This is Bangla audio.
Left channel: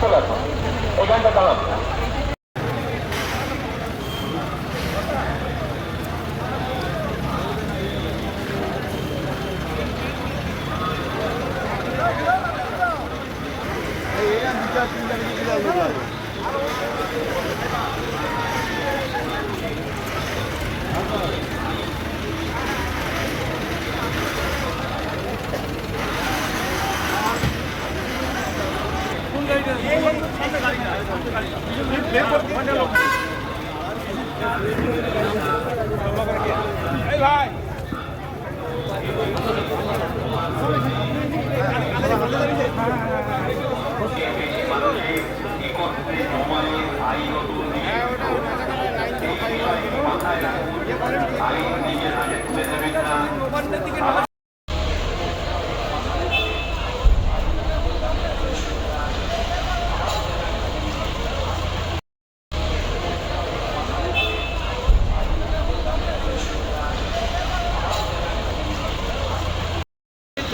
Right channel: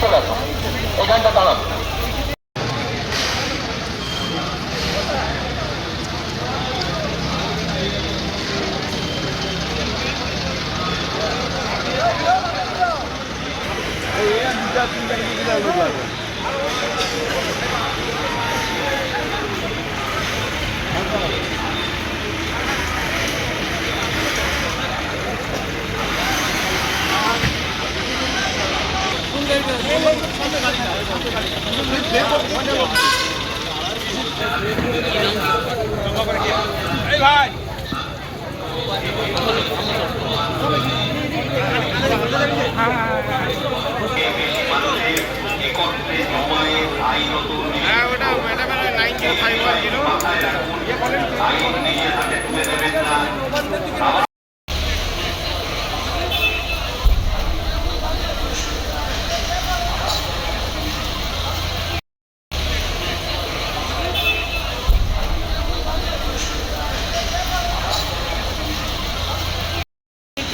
চলে আসুন। এখানটা দাঁড়ান হ্যাঁ ওটা madam nine zero five one zero ইয়ে বলেন।